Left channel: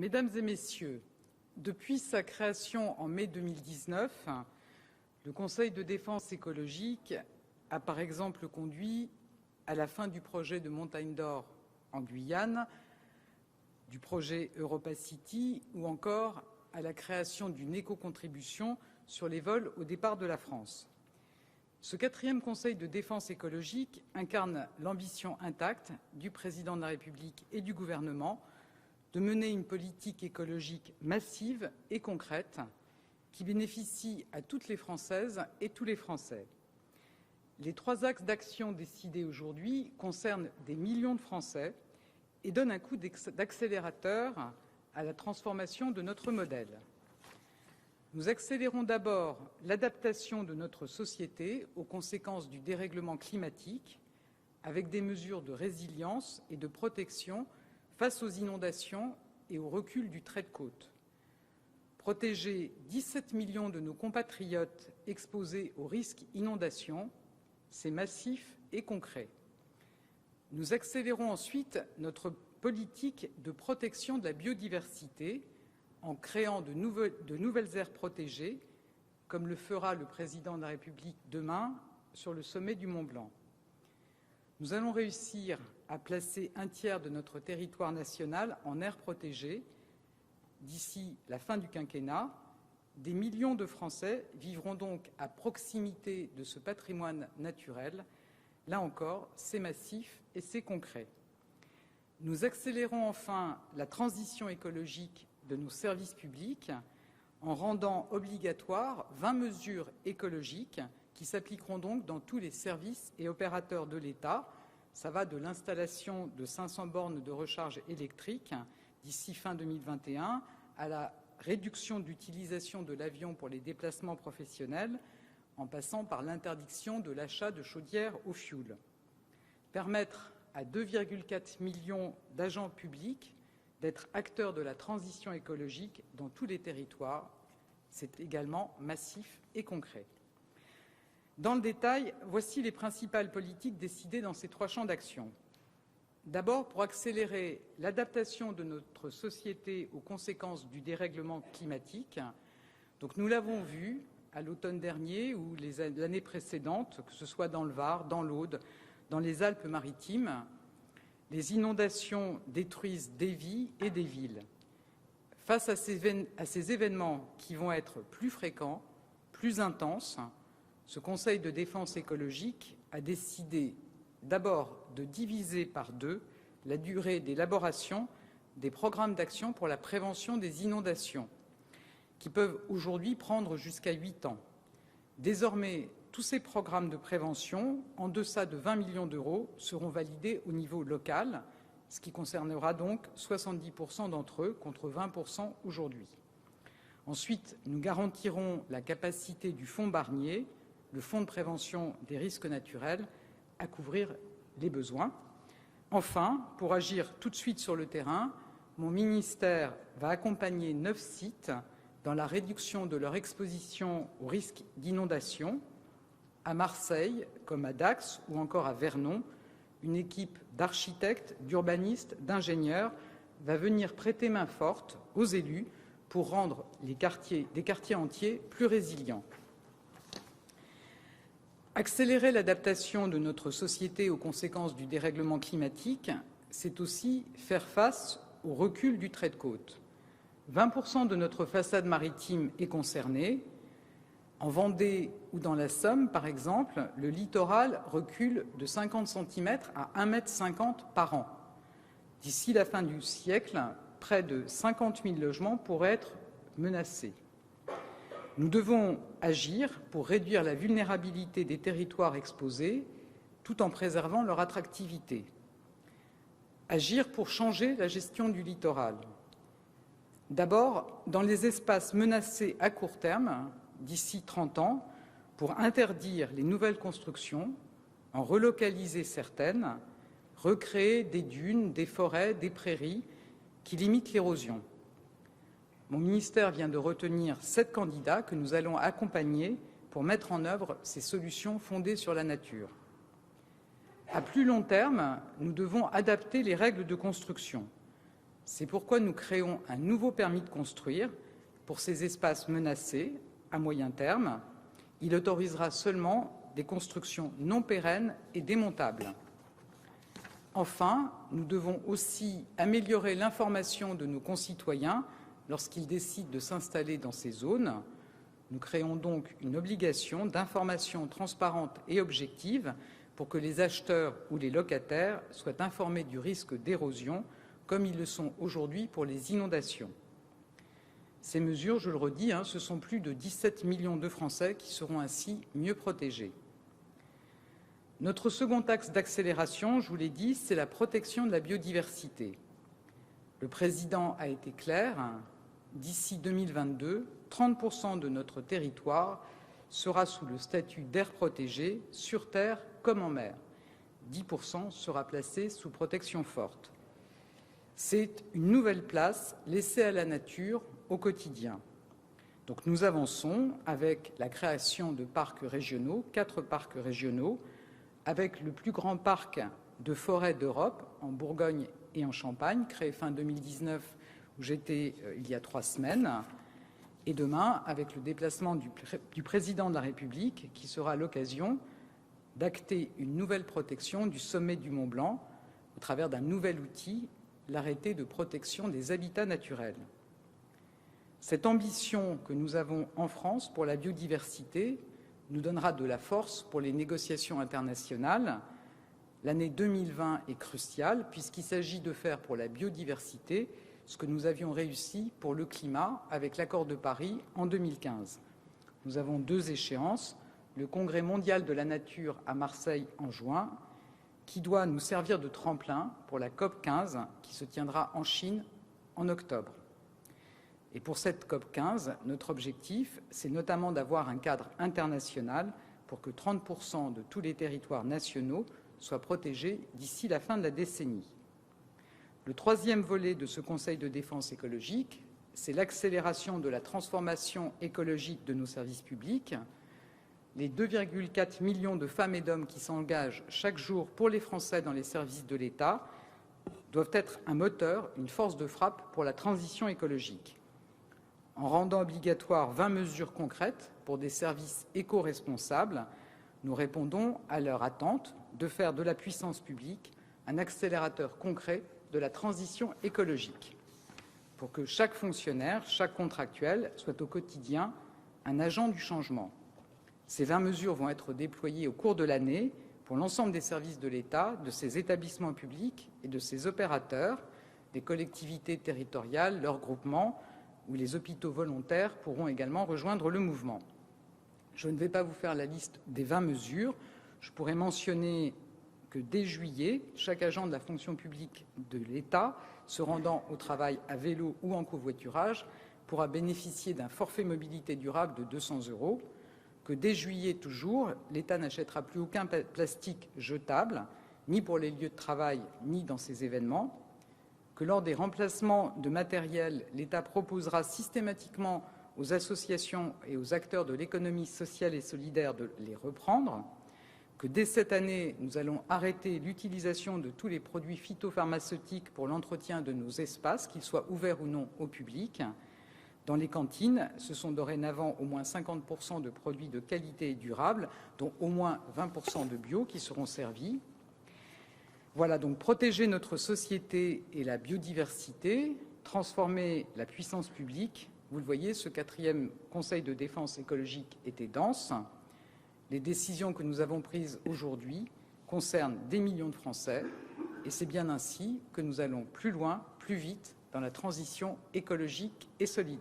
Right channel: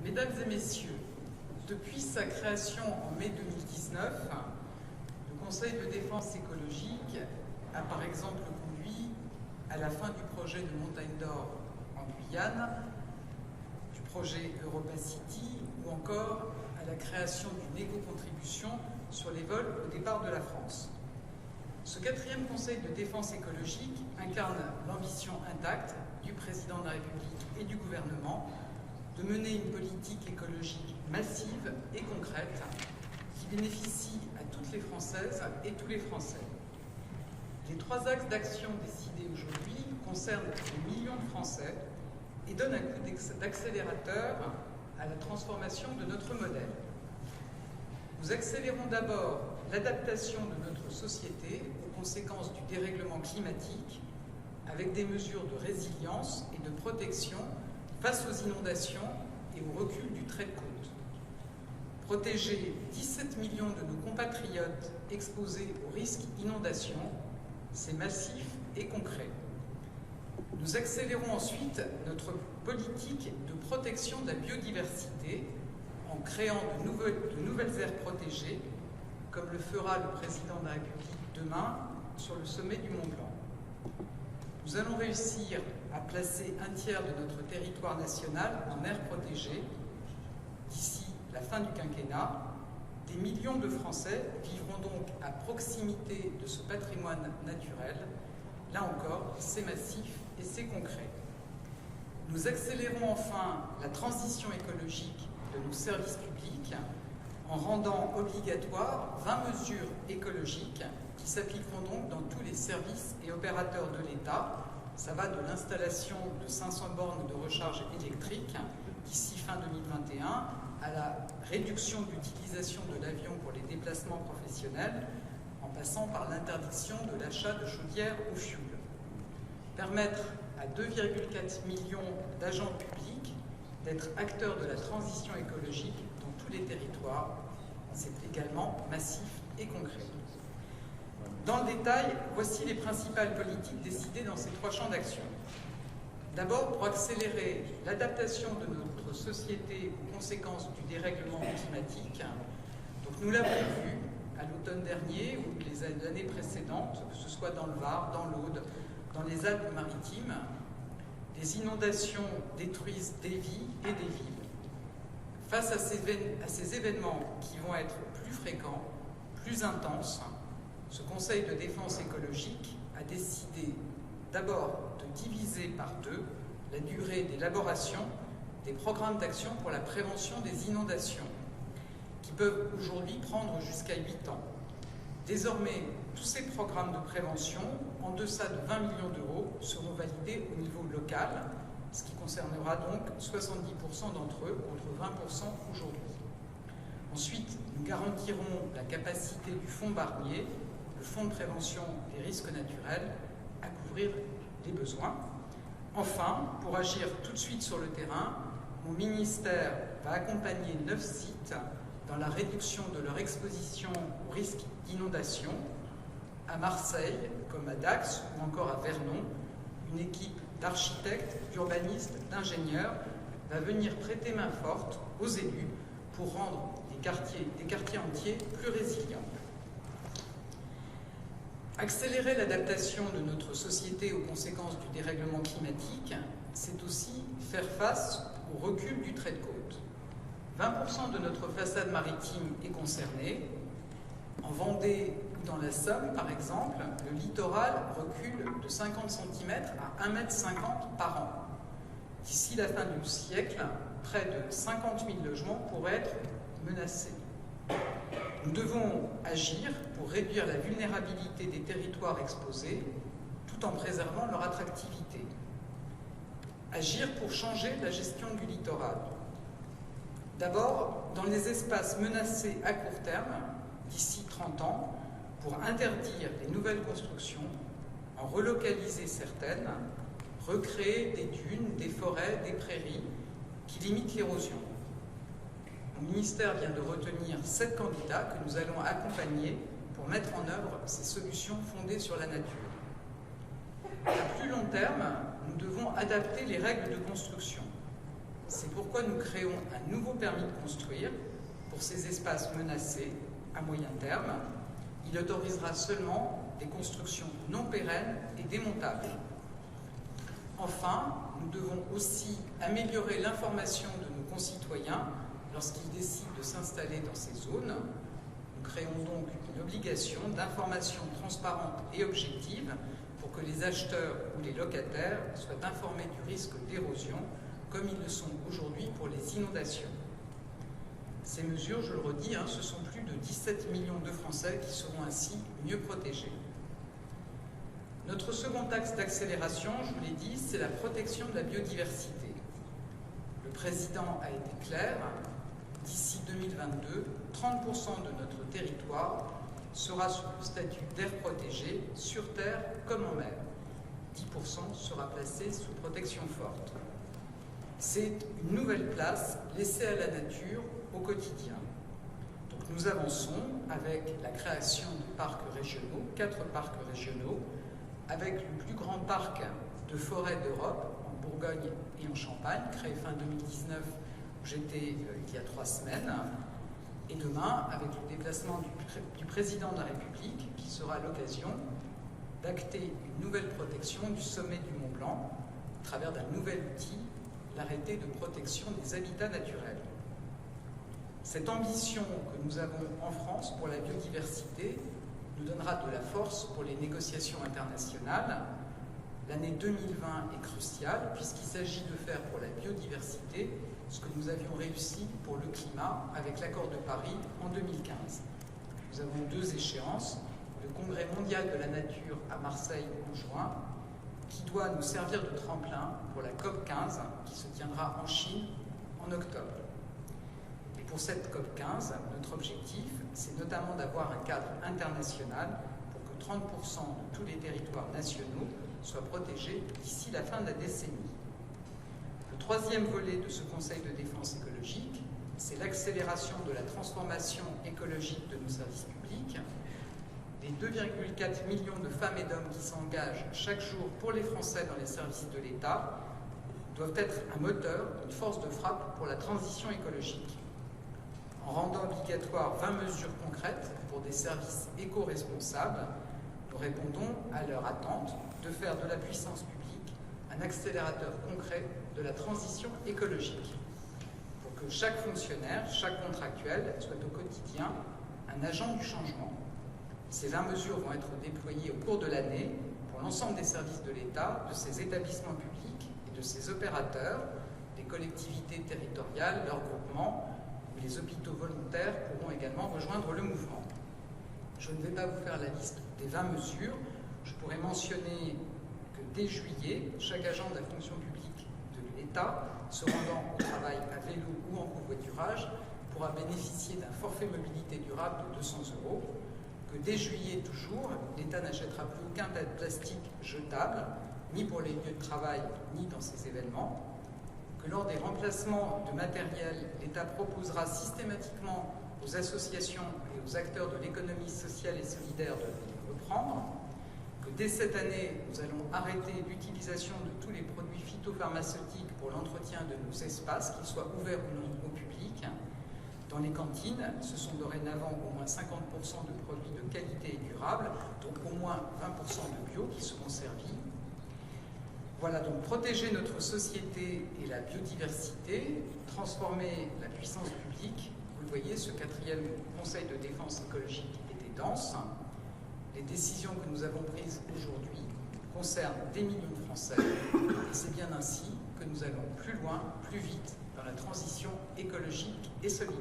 Mesdames et messieurs, depuis sa création en mai 2019, le Conseil de défense écologique a par exemple conduit à la fin du projet de Montagne d'Or en Guyane, du projet EuropaCity ou encore à la création d'une éco-contribution sur les vols au départ de la France. Ce quatrième Conseil de défense écologique incarne l'ambition intacte du Président de la République et du gouvernement de mener une politique écologique massive et concrète qui bénéficie à toutes les Françaises et tous les Français. Les 3 axes d'action décidés aujourd'hui concernent des millions de Français et donnent un coup d'accélérateur à la transformation de notre modèle. Nous accélérons d'abord l'adaptation de notre société aux conséquences du dérèglement climatique avec des mesures de résilience et de protection face aux inondations et au recul du trait de côte. Protéger 17 millions de nos compatriotes exposés au risque inondation, c'est massif et concret. Nous accélérons ensuite notre politique de protection de la biodiversité en créant de nouvelles aires protégées, comme le fera le Président de la République demain sur le sommet du Mont Blanc. Nous allons réussir à placer un tiers de notre territoire national en aires protégées. D'ici la fin du quinquennat, des millions de Français vivront donc à proximité de ce patrimoine naturel. Là encore, c'est massif et c'est concret. Nous accélérons enfin la transition écologique de nos services publics en rendant obligatoire 20 mesures écologiques qui s'appliqueront donc dans tous les services et opérateurs de l'État. Ça va de l'installation de 500 bornes de recharge électrique d'ici fin 2021 à la réduction d'utilisation de l'avion pour les déplacements professionnels en passant par l'interdiction de l'achat de chaudières au fioul. Permettre à 2,4 millions d'agents publics d'être acteurs de la transition écologique dans tous les territoires, c'est également massif et concret. Dans le détail, voici les principales politiques décidées dans ces 3 champs d'action. D'abord, pour accélérer l'adaptation de notre société aux conséquences du dérèglement climatique. Donc, nous l'avons vu à l'automne dernier ou les années précédentes, que ce soit dans le Var, dans l'Aude, dans les Alpes-Maritimes, les inondations détruisent des vies et des villes. Face à ces événements qui vont être plus fréquents, plus intenses, ce Conseil de défense écologique a décidé d'abord de diviser par 2 la durée d'élaboration des programmes d'action pour la prévention des inondations, qui peuvent aujourd'hui prendre jusqu'à 8 ans. Désormais, tous ces programmes de prévention, en deçà de 20 millions d'euros, seront validés au niveau local, ce qui concernera donc 70% d'entre eux contre 20% aujourd'hui. Ensuite, nous garantirons la capacité du fonds Barnier, le fonds de prévention des risques naturels, à couvrir les besoins. Enfin, pour agir tout de suite sur le terrain, mon ministère va accompagner 9 sites dans la réduction de leur exposition au risque d'inondation. À Marseille, comme à Dax ou encore à Vernon, une équipe d'architectes, d'urbanistes, d'ingénieurs va venir prêter main forte aux élus pour rendre des quartiers entiers plus résilients. Accélérer l'adaptation de notre société aux conséquences du dérèglement climatique, c'est aussi faire face au recul du trait de côte. 20% de notre façade maritime est concernée. En Vendée ou dans la Somme, par exemple, le littoral recule de 50 cm à 1,50 m par an. D'ici la fin du siècle, près de 50 000 logements pourraient être menacés. Nous devons agir pour réduire la vulnérabilité des territoires exposés tout en préservant leur attractivité. Agir pour changer la gestion du littoral. D'abord, dans les espaces menacés à court terme, d'ici 30 ans, pour interdire les nouvelles constructions, en relocaliser certaines, recréer des dunes, des forêts, des prairies qui limitent l'érosion. Mon ministère vient de retenir 7 candidats que nous allons accompagner pour mettre en œuvre ces solutions fondées sur la nature. À plus long terme, nous devons adapter les règles de construction. C'est pourquoi nous créons un nouveau permis de construire pour ces espaces menacés à moyen terme. Il autorisera seulement des constructions non pérennes et démontables. Enfin, nous devons aussi améliorer l'information de nos concitoyens lorsqu'ils décident de s'installer dans ces zones. Nous créons donc une obligation d'information transparente et objective pour que les acheteurs ou les locataires soient informés du risque d'érosion, comme ils le sont aujourd'hui pour les inondations. Ces mesures, je le redis, ce sont plus de 17 millions de Français qui seront ainsi mieux protégés. Notre second axe d'accélération, je vous l'ai dit, c'est la protection de la biodiversité. Le président a été clair, d'ici 2022, 30% de notre territoire sera sous le statut d'aire protégée, sur terre comme en mer. 10% sera placé sous protection forte. C'est une nouvelle place laissée à la nature au quotidien. Donc nous avançons avec la création de parcs régionaux, 4 parcs régionaux, avec le plus grand parc de forêt d'Europe, en Bourgogne et en Champagne, créé fin 2019, où j'étais il y a 3 semaines. Et demain, avec le déplacement du président de la République, qui sera l'occasion d'acter une nouvelle protection du sommet du Mont Blanc, à travers d'un nouvel outil, l'arrêté de protection des habitats naturels. Cette ambition que nous avons en France pour la biodiversité nous donnera de la force pour les négociations internationales. L'année 2020 est cruciale puisqu'il s'agit de faire pour la biodiversité ce que nous avions réussi pour le climat avec l'accord de Paris en 2015. Nous avons 2 échéances, le Congrès mondial de la nature à Marseille en juin, qui doit nous servir de tremplin pour la COP15 qui se tiendra en Chine en octobre. Et pour cette COP15, notre objectif, c'est notamment d'avoir un cadre international pour que 30% de tous les territoires nationaux soient protégés d'ici la fin de la décennie. Le 3e volet de ce Conseil de défense écologique, c'est l'accélération de la transformation écologique de nos services publics. Les 2,4 millions de femmes et d'hommes qui s'engagent chaque jour pour les Français dans les services de l'État doivent être un moteur, une force de frappe pour la transition écologique. En rendant obligatoire 20 mesures concrètes pour des services éco-responsables, nous répondons à leur attente de faire de la puissance publique un accélérateur concret de la transition écologique, pour que chaque fonctionnaire, chaque contractuel soit au quotidien un agent du changement. Ces 20 mesures vont être déployées au cours de l'année pour l'ensemble des services de l'État, de ses établissements publics et de ses opérateurs, des collectivités territoriales, leurs groupements, où les hôpitaux volontaires pourront également rejoindre le mouvement. Je ne vais pas vous faire la liste des 20 mesures. Je pourrais mentionner que dès juillet, chaque agent de la fonction publique de l'État se rendant au travail à vélo ou en covoiturage pourra bénéficier d'un forfait mobilité durable de 200 €, que dès juillet toujours, l'État n'achètera plus aucun plastique jetable, ni pour les lieux de travail, ni dans ces événements, que lors des remplacements de matériel, l'État proposera systématiquement aux associations et aux acteurs de l'économie sociale et solidaire de les reprendre, que dès cette année, nous allons arrêter l'utilisation de tous les produits phytopharmaceutiques pour l'entretien de nos espaces, qu'ils soient ouverts ou non au public. Dans les cantines, ce sont dorénavant au moins 50% de produits de qualité et durable, donc au moins 20% de bio qui seront servis. Voilà, donc protéger notre société et la biodiversité, transformer la puissance publique. Vous le voyez, ce 4e Conseil de défense écologique était dense. Les décisions que nous avons prises aujourd'hui concernent des millions de Français et c'est bien ainsi que nous allons plus loin, plus vite dans la transition écologique et solidaire.